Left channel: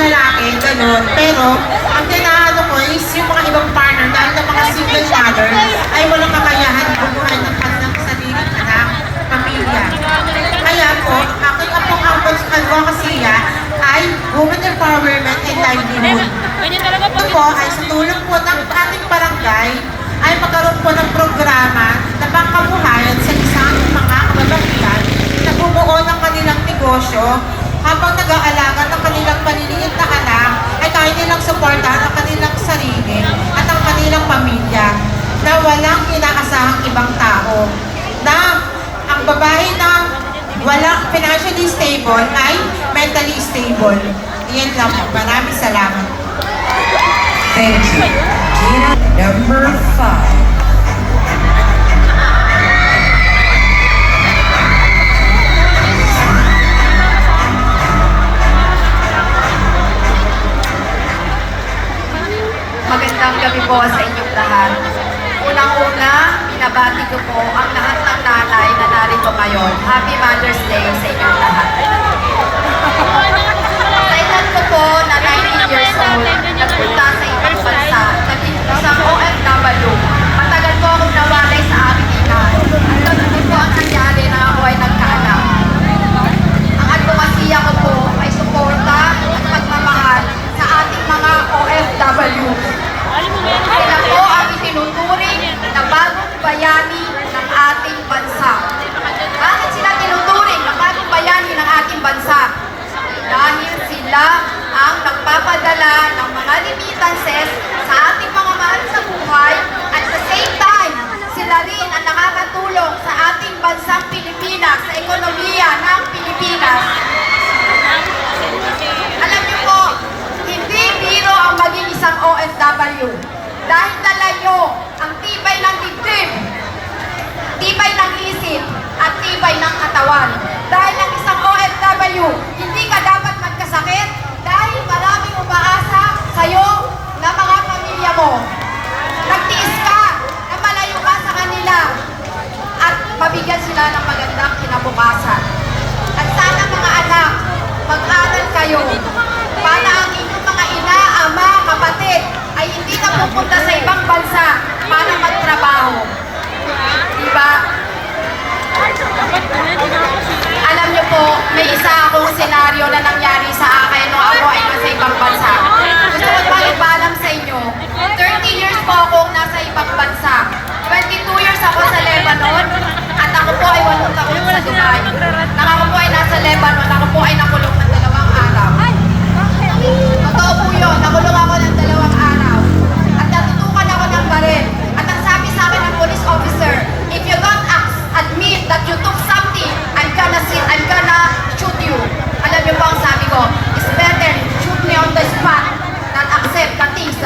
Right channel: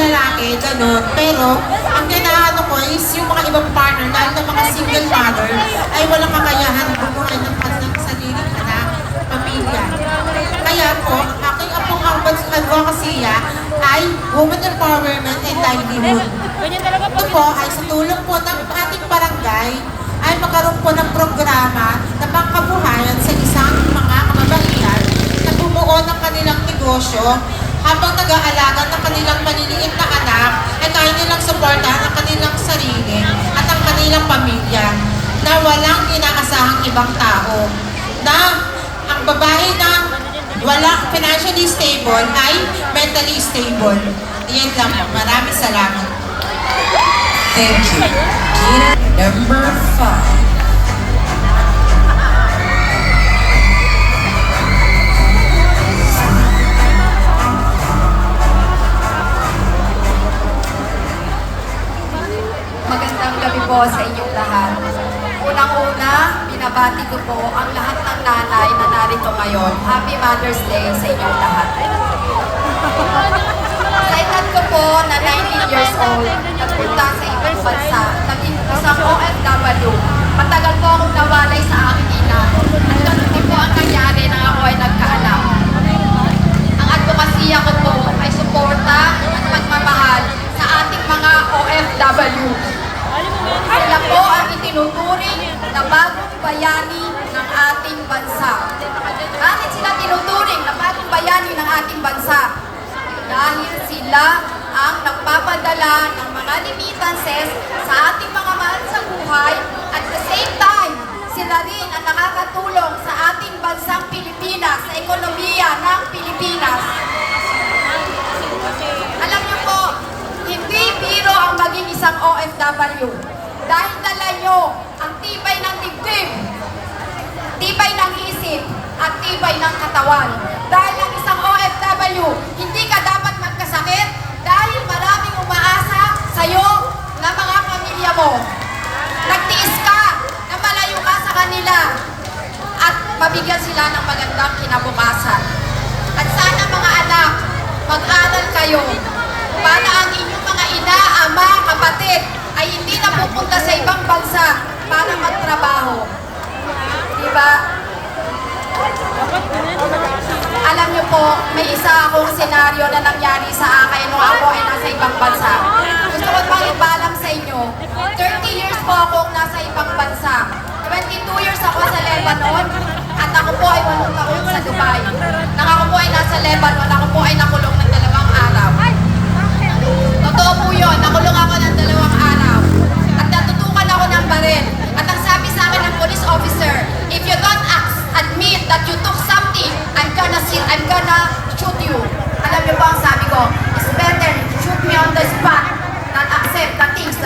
lalaki, ganun. Pero, ang tinaano ko is yung mga ibang partner, dahil na mga single mother, ay walang kakayahan bumuhay ng kanilang sariling anak, pamilya. Kaya po, aking apong advocacy ay women empowerment and livelihood. Ito po ay sa tulong po ng ating barangay ay magkaroon po ng programa na pangkabuhayan sa isang mga kababaihan na bumuo ng kanilang negosyo habang nag-aalaga ng kanilang maliliit na anak ay kaya nilang suportahan ang kanilang sarili at ang kanilang pamilya na walang inaasahang ibang tao. Na ang babae na walang financially stable ay mentally stable. Iyan lang po. Maraming salamat. Thank you. Gina, number 5. Magandang gabi po sa inyong lahat. Unang-una, binabati ko po ang lahat ng nanay na narito ngayon. Happy Mother's Day sa inyong lahat. Sa edad ko po na 19 years old, nagpunta sa ibang bansa, naging isang OFW. Matagal po akong nawalay sa aking ina. At ganun po ang nangyari na ako ay nagkaanak. Ang advokasya ko po ay suporta at pagmamahal sa ating mga OFW. Sila po ang itinuturing na bagong bayani ng ating bansa. Bakit sila tinuturing na bagong bayani ng ating bansa? Dahil sila ang nagpapadala ng mga remittances sa ating mga mahal sa buhay at the same time, sila rin ang nakakatulong sa ating bansang Pilipinas, sa ekonomiya ng Pilipinas. Alam niyo po, hindi biro ang maging isang OFW. Dahil dala nyo ang tibay ng dibdib, tibay ng isip, at tibay ng katawan. Dahil ang isang OFW, hindi ka dapat magkasakit dahil maraming umaasa sa'yo na mga pamilya mo. Nagtiis ka na malayo ka sa kanila at mabigyan sila ng magandang kinabukasan. At sana mga anak, mag-aral kayo para ang inyong mga ina, ama, kapatid ay hindi na pupunta sa ibang bansa para magtrabaho. Diba? Alam niyo po, may isa akong senaryo na nangyari sa akin nung ako ay nasa ibang bansa. Gusto ko pang ipaalam sa inyo, 30 years po akong nasa ibang bansa. 22 years ako sa Lebanon at ako po ay 8 taon sa Dubai. Nang ako po ay nasa Lebanon, ako po ay nakulong